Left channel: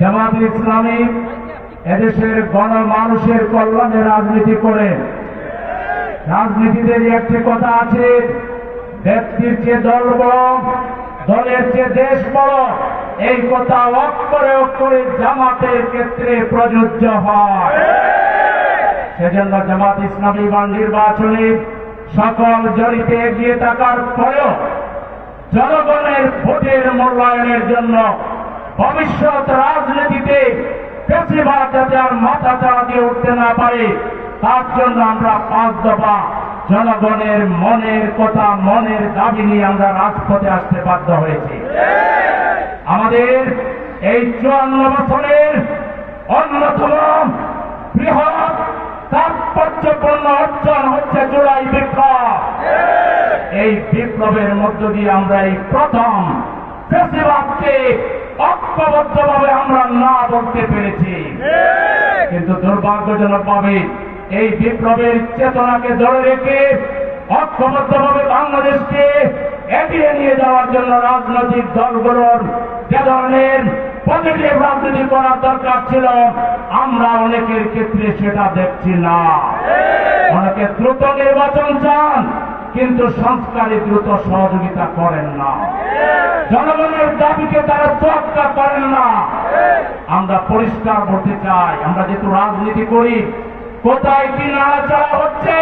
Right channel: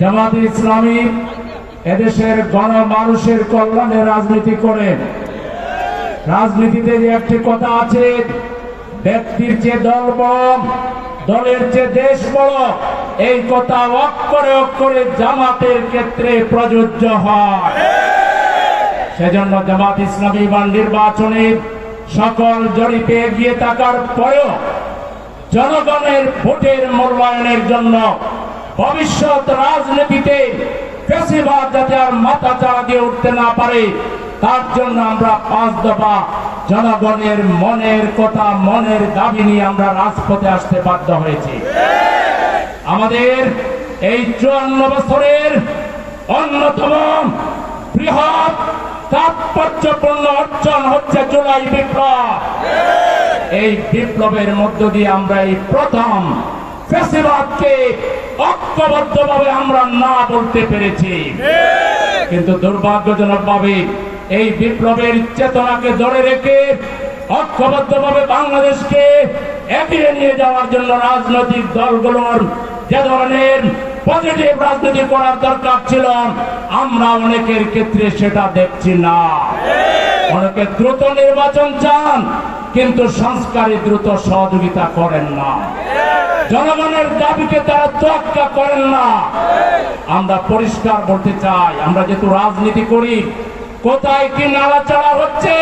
জামাতে ইসলামী এদেশের গণমানুষের কল্যাণে রাজনীতি করে। রাজনীতিতে একটি কথা আছে, ব্যক্তির চেয়ে দল বড়, দলের চেয়ে দেশ বড়। এই কথা অক্ষরে অক্ষরে জামাতের ক্ষেত্রে প্রযোজ্য হয়। সেজন্য জামাত ইসলামী নির্বাচনে সকল জরিপে এগিয়ে থাকার পরেও জনগণের ভোটের মূল্যায়নের জন্য ভবিষ্যৎ রাজনীতিতে ফ্যাসিবাদ যাতে আর মাথা চাড়া দিয়ে উঠতে না পারে, তার জন্য আমরা 5 দফা জনগণের মনের কথা, মনের দাবি নিয়ে আমরা রাজপথে আসতে বাধ্য হয়েছি। আমাদের এই 54 বছরের অন্যতম বৃহৎ তাৎপর্যপূর্ণ অর্জন হচ্ছে জুলাই বিপ্লব। এই বিপ্লবের মধ্য দিয়ে আমরা এই প্রথম ফ্যাসিবাদকে ঐক্যবদ্ধভাবে আমরা না বলতে পেরেছি। কিন্তু দুর্ভাগ্যজনকভাবে এই বিপ্লবের চেতনাকে ধরে রেখে ঐক্যবদ্ধভাবে বাংলাদেশকে এগিয়ে নিয়ে যাওয়ার জন্য রাজনৈতিক দলগুলোর যে ধরনের পজিটিভ রাজনীতি করার দরকার ছিল, আমরা অনেকের ক্ষেত্রে সেটা দেখছি না। অনেকে দ্রুত নির্বাচন চান, কিন্তু সংস্কারে দ্রুত সহযোগিতা করেন না। জনগণের দাবিকে তারা তোয়াক্কা করেন না। আমরা পরিষ্কার বলতে চাই, আমরা যেহেতু রাজনীতি করি, কোথায় কি নাড়াচাড়া হচ্ছে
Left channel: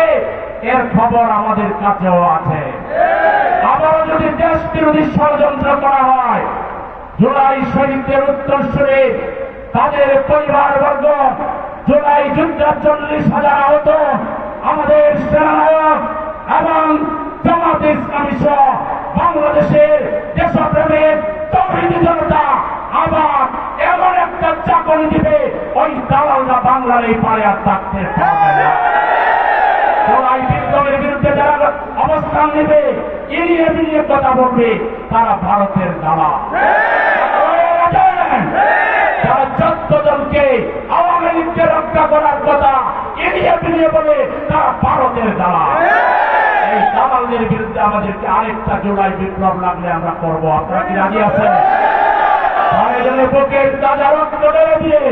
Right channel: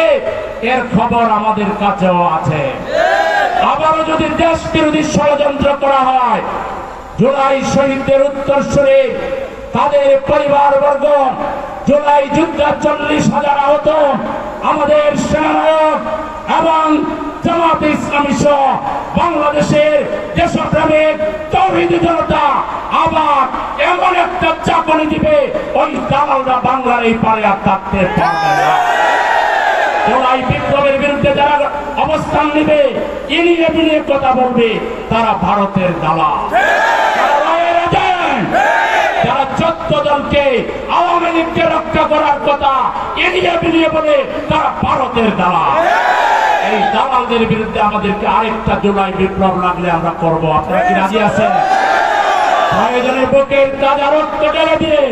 এর খবর আমাদের কাছেও আছে। আবারও যদি দেশ বিরোধী ষড়যন্ত্র করা হয়, জুলাই শহীদদের উত্তরসূরি তাদের পরিবারবর্গ, জুলাই যুদ্ধে 40,000 আহত আমাদের সেনানায়ক এবং জামাতে ইসলামী সহ বাংলাদেশের দেশপ্রেমিক তৌহিদি জনতা আবার এমন একটা চাকরি দিবে, ওই দালালরা বাংলার এই পারে আর থাকতে পারবে না। জুলাই বিপ্লবের বিরুদ্ধে যারা অবস্থান নেবে, ইনিয়ে বিনিয়ে কথা বলবে, তারা ভারতের দালাল। যারা 14 দলকে আওয়ামী লীগকে রক্ষা করার কথা এগিয়ে বিনিয়ে বলে, তারা ভারতের দালাল। এই দালালদের বিরুদ্ধে আমাদেরকে আরেকটা জুলাই বিপ্লব লাগলে আমরা করব। আপনারা কি রাজি আছেন? প্রয়োজনের বুকের তাজা রক্ত ঢেলে দিয়ে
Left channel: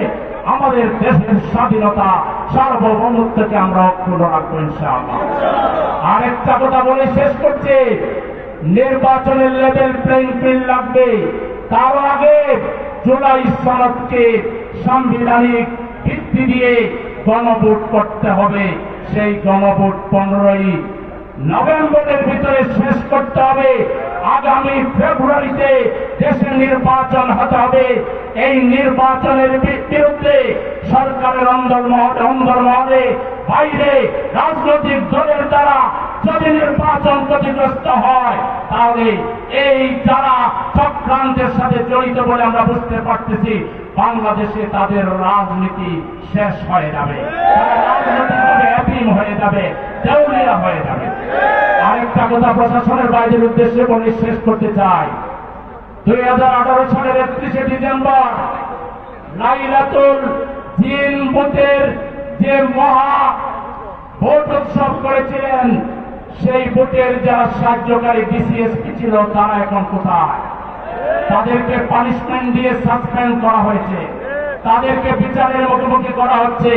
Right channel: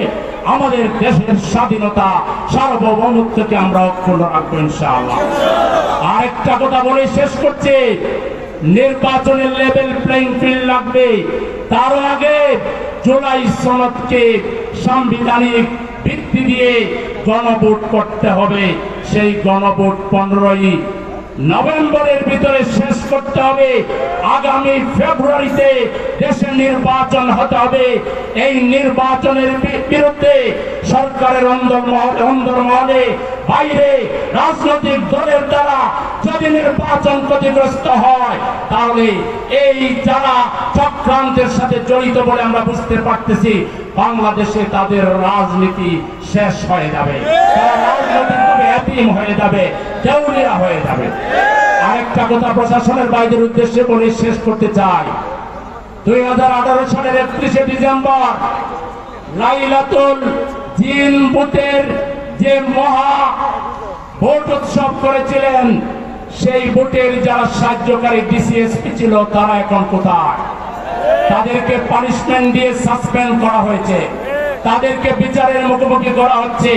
আমাদের দেশের স্বাধীনতা, সার্বভৌমত্বকে আমরা অক্ষুণ্ণ রাখবো ইনশাআল্লাহ। আরেকটা কথা বলে শেষ করছি, নির্বাচনের লেভেল প্লেইং ফিল্ড লাগবে। তার আগে জুলাই সনদকে সাংবিধানিক ভিত্তি দিয়ে গণভোট করতে হবে। সেই গণভোট 15ই নভেম্বরের ভিতরে শেষ করতে হবে। আগামী ফেব্রুয়ারিতে দেশে নির্বাচন হতে হবে। এই নির্বাচনের বিরুদ্ধে সরকারের অন্দরমহলে বাইরে রাজনৈতিক দলের দ্বারা যদি নির্বাচন ক্ষতিগ্রস্ত হয়, তাহলে এই যারা চক্রান্তের সাথে জড়িত বলে আমরা বুঝতে পারতেছি, বাংলাদেশে তাদের রাজনীতি শেষ হয়ে যাবে। তারা রাজনৈতিকভাবে এতিম হয়ে যাবে, দেউলিয়া হয়ে যাবে। আরেকটা কথা প্রশাসনের বাইরের উদ্দেশ্যে বলে শেষ করতে চাই, 2018 সালের 31শে ডিসেম্বর লাইলাতুল জিন বুথের যে মহা ভোট উৎসব করেছিলেন, সেই ভোটের যারা সাহায্যকারী ডিসিএসপি ছিল, তারা এখন কোথায়? তাদেরকে পানিশমেন্ট দিয়ে সাসপেন্ড করা হয়েছে, তাদেরকে বিচারের মুখোমুখি করা হচ্ছে।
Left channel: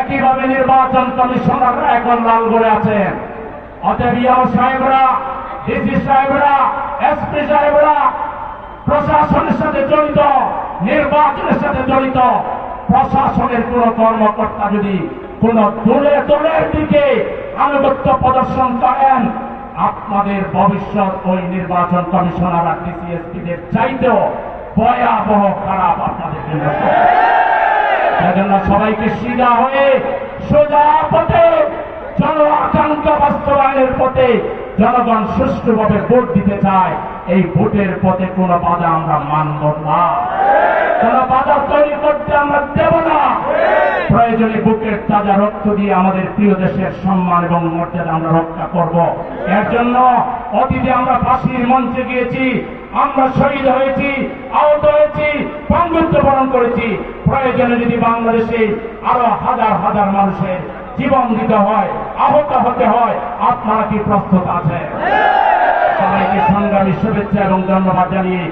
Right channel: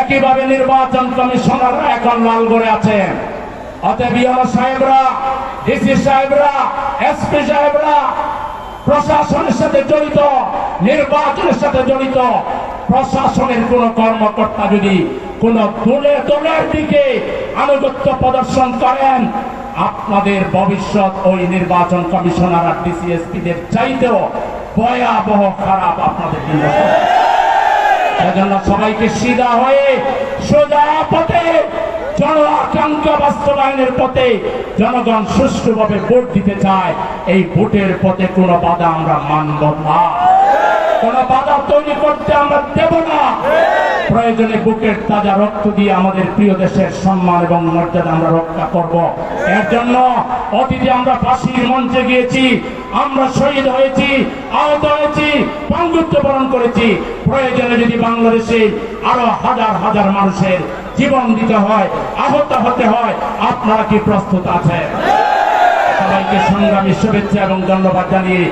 একইভাবে নির্বাচন কমিশনাররা এখন লালগড়ে আছেন। অতএব ইমাম সাহেবরা, ডিসি সাহেবরা, এসপি সাহেবরা প্রশাসনের সাথে জড়িত, নির্বাচনের সাথে জড়িত। প্রশাসনের কোন কর্মকর্তা যদি কোন দলের দিকে আনুগত্য প্রদর্শন করেন, আপনাদের ভবিষ্যৎ ওই নির্বাচন কমিশনার আর ডিসিএসপিদের চাইতেও ভয়াবহ খারাপ আপনাদের দিন। সেজন্য সবাইকে সিধা হয়ে সোজা পথে, জন আকাঙ্ক্ষা বাস্তবায়নের পথে জনগণ সুষ্ঠুভাবে ভোট দিতে চায়। এই ভোটের পথে কোনো বাধা আমরা মানব না, কোনো বাধা তৈরি করতে আমরা দেব না। প্রয়োজনে বুকের তাজা রক্ত দিয়ে আমাদের প্রিয় দেশের সম্মান এবং মর্যাদা আমরা রক্ষা করব। এর জন্য অতীতে আমরা ফাঁসির মঞ্চে গিয়েছি, আমরা শহীদ হয়েছি, আহত হয়েছি, বঙ্গত্ব বরণ করেছি। প্রয়োজনে যদি বাংলাদেশে আরো হাজার হাজার মানুষের জীবন দিতে হয়, আহত হতে হয়, আপনারা কি প্রস্তুত আছেন? সবাইকে সংগ্রামী শুভেচ্ছা এবং ধন্যবাদ জানিয়ে